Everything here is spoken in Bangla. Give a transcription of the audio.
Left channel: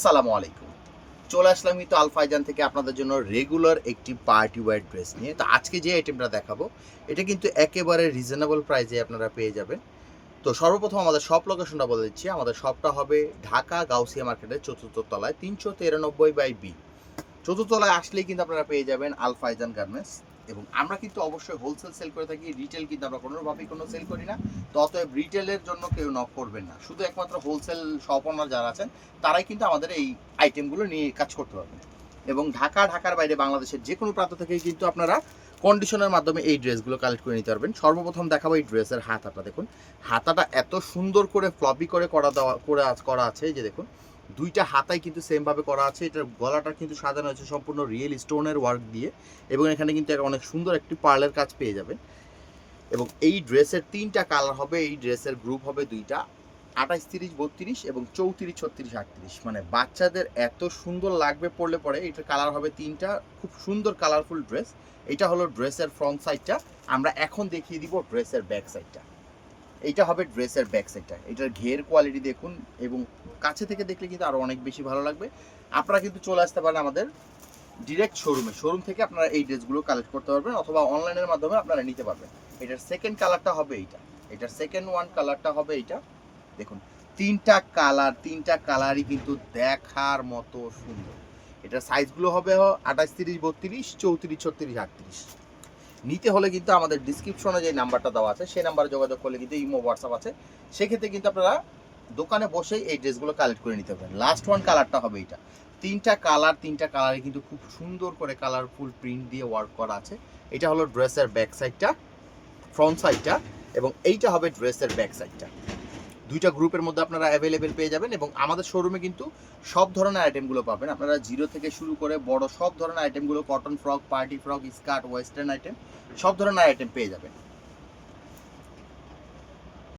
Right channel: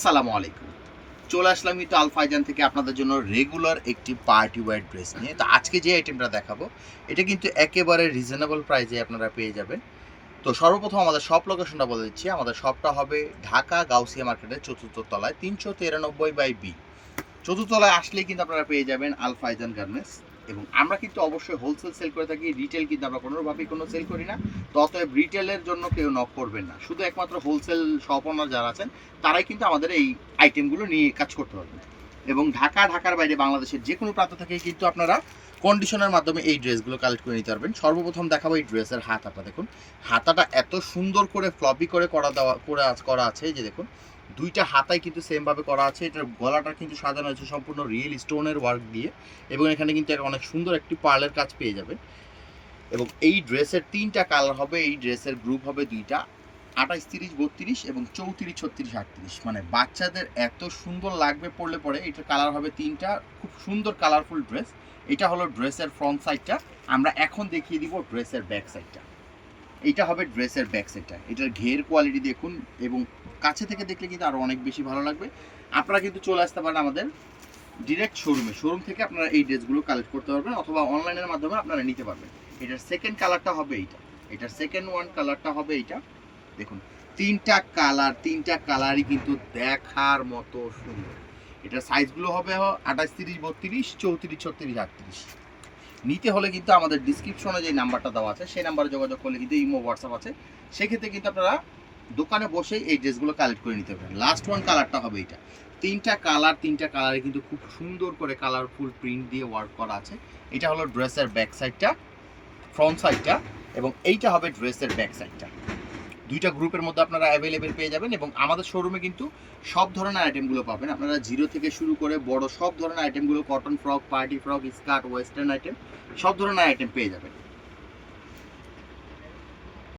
আসসালামু আলাইকুম। চলে আসলাম কিন্তু আল ফাইজান থেকে আপনাদের জন্য রেগুলার একটি পার্টি ওয়্যার ড্রেস নিয়ে। তো আজকে যে আইটেমটা দেখাবো, এটা কিন্তু একেবারে রিজনেবল প্রাইসে আপনারা পেয়ে যাবেন। তো সর্বপ্রথম আমাদের শপ লোকেশনটা বলে দিচ্ছি। আমাদের শপটা হবে ঢাকা গাউসিয়া মার্কেটের ৪র্থ তলায় ৩৯৩/বি। ৪র্থ তলায় আসলেই কিন্তু আপনারা পেয়ে যাবেন আল ফাইজান গার্মেন্টস। এবং আমরা কিন্তু অবশ্যই হোলসেল সেল করে থাকি, রিটেল কিন্তু আমরা কোনোভাবেই কোনো সেল করি না। তো অতএব রিটেলের জন্য কেউ নক করবেন না, শুধু একমাত্র হোলসেল শপ ওনার যারা আছেন তারাই কিন্তু আমাদের এই আইটেমগুলো নিয়ে কাজ করতে পারবেন। এবং ঢাকার বাইরে বাংলাদেশের যে কোনো প্রান্ত থেকেই কিন্তু আপনারা কন্ডিশনের মাধ্যমে এই ড্রেসগুলো কালেক্ট করে নিতে পারবেন। সর্বপ্রথম দেখাবো এই ড্রেসের হাতাটা। দেখুন হাতাটা এত সুন্দর করে ফ্লপি করে করা আছে, যে দেখুন দুইটা হাতাই কিন্তু সেমভাবে করা আছে। এটার গলাটা কিন্তু সাজানো হয়েছে সম্পূর্ণ রিয়েল স্টোনের ওয়ার্ক দিয়ে, এবং এখানে কিন্তু অনেক সুন্দর একটি পার্লের কাজ পেয়ে যাবে। এবং এই ড্রেসের 3টা কালার হবে, এই ড্রেসের গ্রুপ হবে 2টা, 28, 30, 32 এবং 34, 36, 38। মানে বাচ্চাদের এত সুন্দর লাগবে পরলে পরে। এটার কালার হবে 3টা, খুব সুন্দর কালারফুল ড্রেস। এটা হলো ড্রেসের ফ্রন্ট সাইডটা। আমরা এখন দেখিয়ে দিব ড্রেসের ব্যাক সাইডটা। এইটা হবে ড্রেসের ব্যাক সাইডটা। এটার ঘের কোয়ালিটি দেখুন, এবং কাছে থেকে দেখলে কিন্তু আরও অনেক বেশি ভালো লাগবে। আপনারা কিন্তু চলে আসতে পারেন আমাদের ডিরেক্ট শোরুম থেকে আপনারা এই ড্রেসগুলো কালেক্ট করতে পারবেন, অথবা অনলাইনের মাধ্যমে আপনারা নিতে পারবেন। এটার সেকেন্ড কালারটা হবে এইটা, এটার সেকেন্ড কালারটা হবে এইটা। দেখুন তিনটা কালারই কিন্তু দেখার মতো সুন্দর। এটার সাইজগুলো হবে 28, 30, 32, 34, 36, 38। নিতে হলে কিন্তু আমাদের ডিসক্রিপশনে যে নাম্বারটা দেওয়া আছে সেই নাম্বারে যোগাযোগ করলে কিন্তু ইমো হোয়াটসঅ্যাপ আছে, সেক্ষেত্রে কিন্তু আপনারা দোকানে বসেই এই ড্রেসগুলো কালেক্ট করে নিতে পারবেন। লাস্ট কালারটা হবে এটা। তিনটা কালারে কিন্তু খুব সুন্দর করে কালারফুল প্রিন্ট দিয়ে ওয়ার্ক করা আছে। এটা হলো ড্রেসের ব্যাক সাইডটা, ফ্রন্ট সাইডটা, এবং এইটা হবে ড্রেসের ব্যাক সাইডটা। দুইটা গ্রুপের মধ্যে আপনারা অ্যাভেলেবেল পেয়ে যাবেন। এবং আমাদের শোরুমে কিন্তু সব ধরনের আইটেমগুলো পাবেন। আপনারা জিরো থেকে শুরু করে বড় সব ধরনের আইটেমগুলো, cotton frock, party frock, skirt, western item, সব ধরনের আইটেম পেয়ে যাবেন।